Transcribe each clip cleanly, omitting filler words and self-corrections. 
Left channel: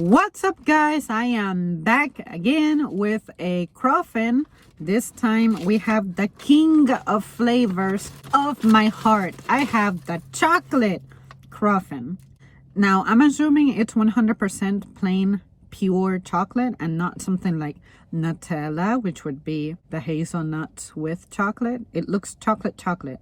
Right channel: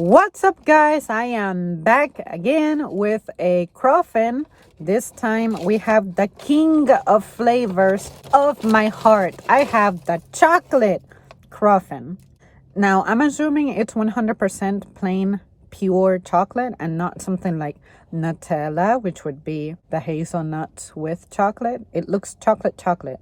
What's up, guys? I am back again with a cruffin. This time we have the king of flavors of my heart. I have the chocolate cruffin. Now, I'm assuming it's 100% plain pure chocolate and not something like Nutella, which would be the hazelnuts with chocolate. It looks chocolate.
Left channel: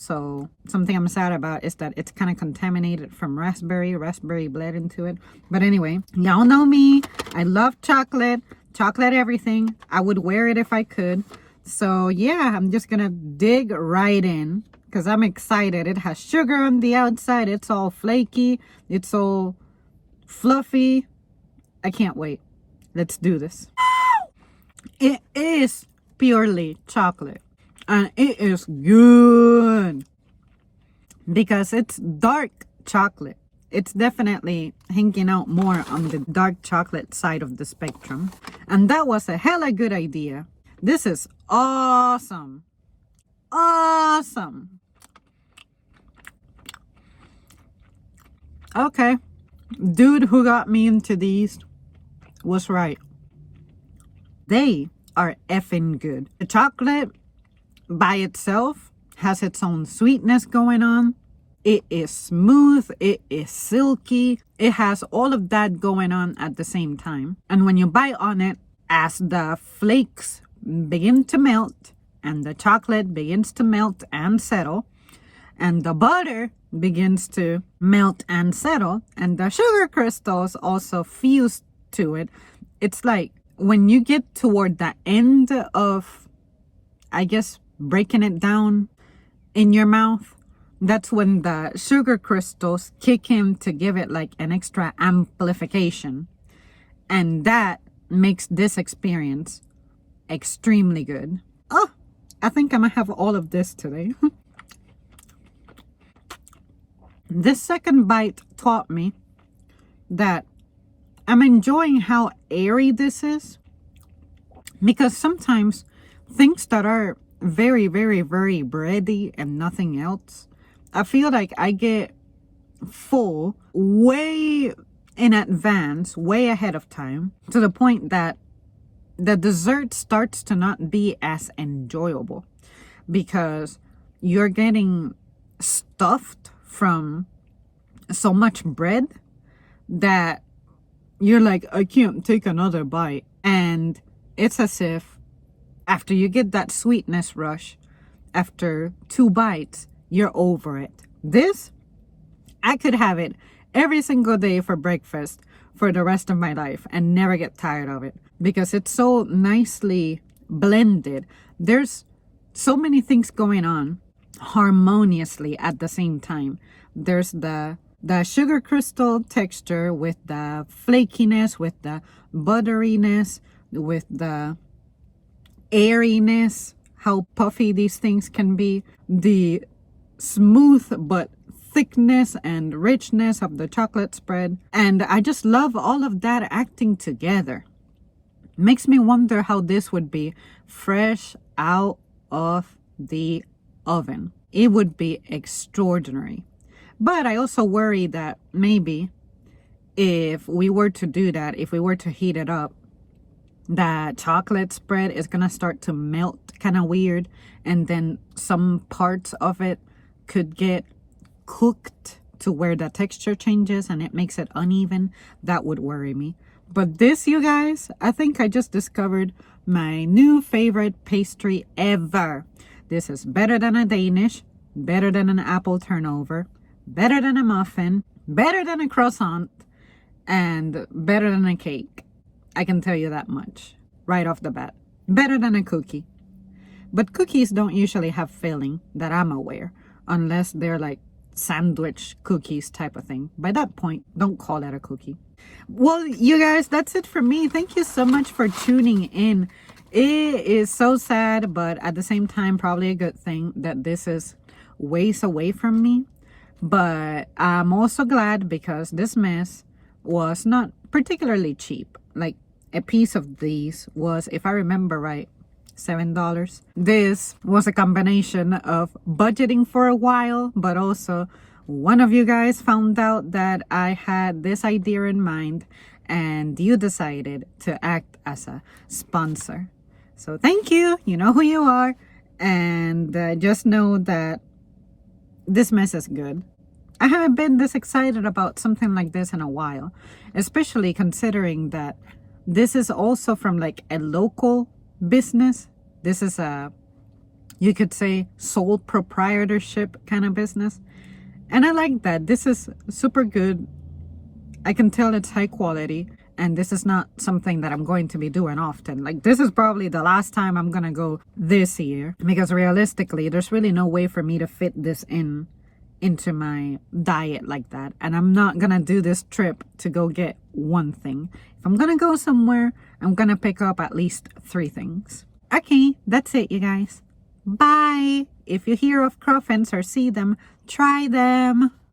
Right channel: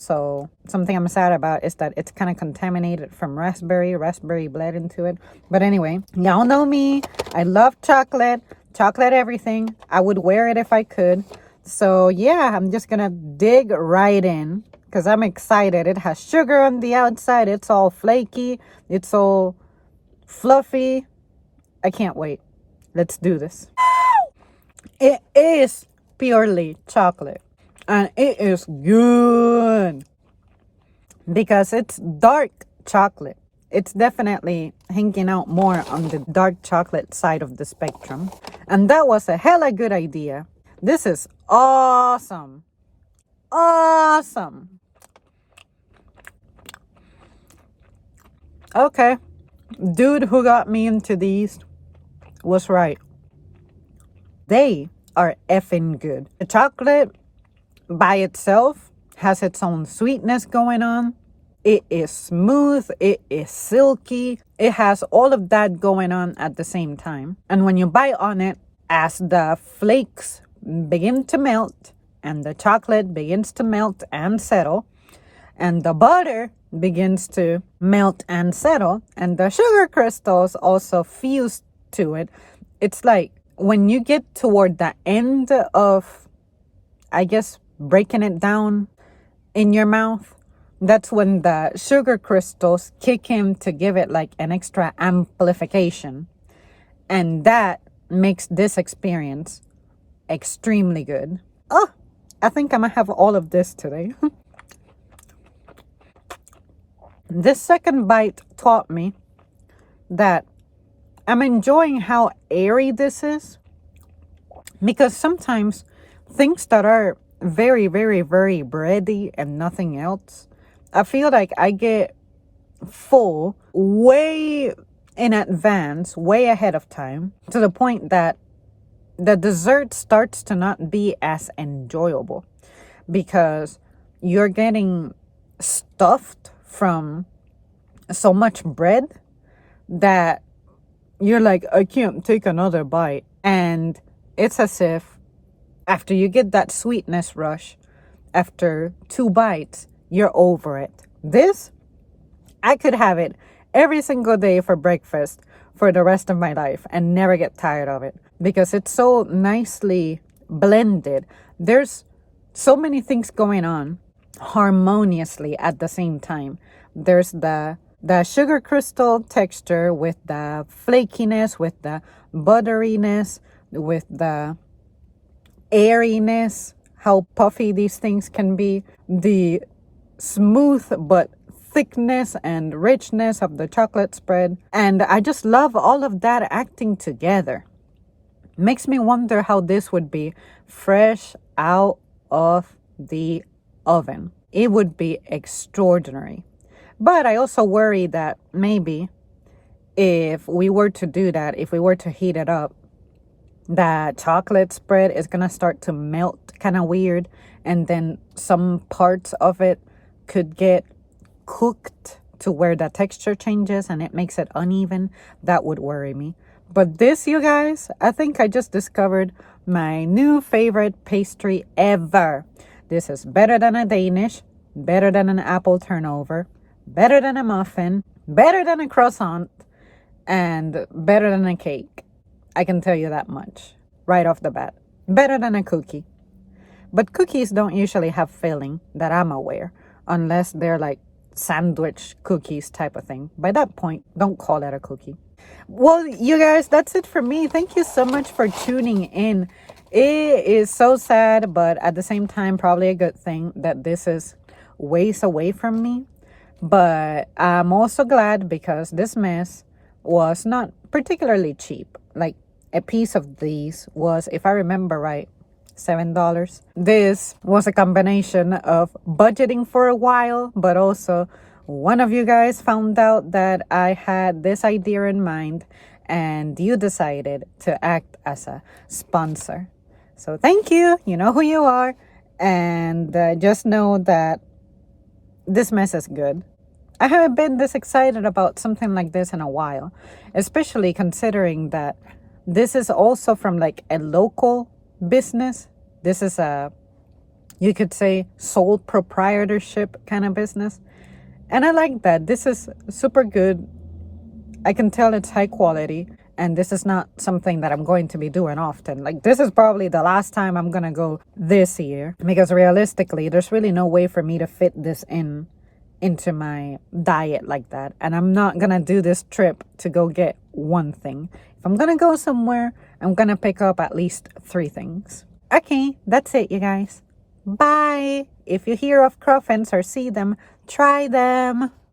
So something I'm sad about is that it's kind of contaminated from raspberry bled into it. But anyway, y'all know me. I love chocolate everything. I would wear it if I could. So yeah, I'm just gonna dig right in because I'm excited. It has sugar on the outside. It's all flaky. It's all fluffy. I can't wait. Let's do this. It is purely chocolate. And it is good because it's dark chocolate. It's definitely hanging out more on the dark chocolate side of the spectrum. And that was a hella good idea. This is awesome. Awesome. Okay. Dude who got me into these was right. They are effing good. The chocolate by itself has its own sweetness going on. It is smooth, it is silky, it has all of that going on at the same time. And when you bite on it, as the flakes begin to melt and the chocolate begins to melt and settle, and the butter begins to melt and settle, and the sugar crystals also fuse to it, it's like when you get toward the end of, I guess, breaking it down in your mouth, that's when the sugar crystals kick in to give it like an extra amplification. And that makes this experience extremely good. Oh, I think I'm gonna have all of this today. This second bite taught me that I'm enjoying how airy this is, because sometimes things that are very bready and nothing else, I feel like I get full way in advance, way ahead of time, to the point that the dessert starts to not be as enjoyable because you're getting stuffed from so much bread that you're like, I can't take another bite. And it's as if after you get that sweetness rush, after 2 bites, you're over it. This, I could have it every single day for breakfast for the rest of my life and never get tired of it because it's so nicely blended. There's so many things going on harmoniously at the same time. There's the sugar crystal texture with the flakiness, with the butteriness, with the airiness, how puffy these things can be, the smooth but thickness and richness of the chocolate spread. And I just love all of that acting together. Makes me wonder how this would be fresh out of the oven. It would be extraordinary. But I also worry that maybe if we were to do that, if we were to heat it up, that chocolate spread is gonna start to melt kind of weird, and then some parts of it could get cooked to where the texture changes and it makes it uneven. That would worry me. But this, you guys, I think I just discovered my new favorite pastry ever. This is better than a Danish, better than an apple turnover, better than a muffin, better than a croissant, and better than a cake. I can tell you that much right off the bat. Better than a cookie. But cookies don't usually have filling that I'm aware, unless they're like sandwich cookies type of thing. By that point, don't call it a cookie. Well, you guys, that's it for me. Thank you so much for tuning in. It is so sad, but at the same time, probably a good thing that this is ways away from me. But I'm also glad because this mess was not particularly cheap. Like, a piece of these was, if I remember right, $7. This was a combination of budgeting for a while, but also one of you guys found out that I had this idea in mind and you decided to act as a sponsor. So thank you. You know who you are. And just know that this mess is good. I haven't been this excited about something like this in a while, especially considering that this is also from like a local business. This is a, you could say, sole proprietorship kind of business. And I like that. This is super good. I can tell it's high quality. And this is not something that I'm going to be doing often. Like, this is probably the last time I'm going to go this year. Because realistically, there's really no way for me to fit this into my diet like that. And I'm not going to do this trip to go get one thing. If I'm going to go somewhere, I'm going to pick up at least 3 things. Okay, that's it, you guys. Bye. If you hear of cruffins or see them, try them.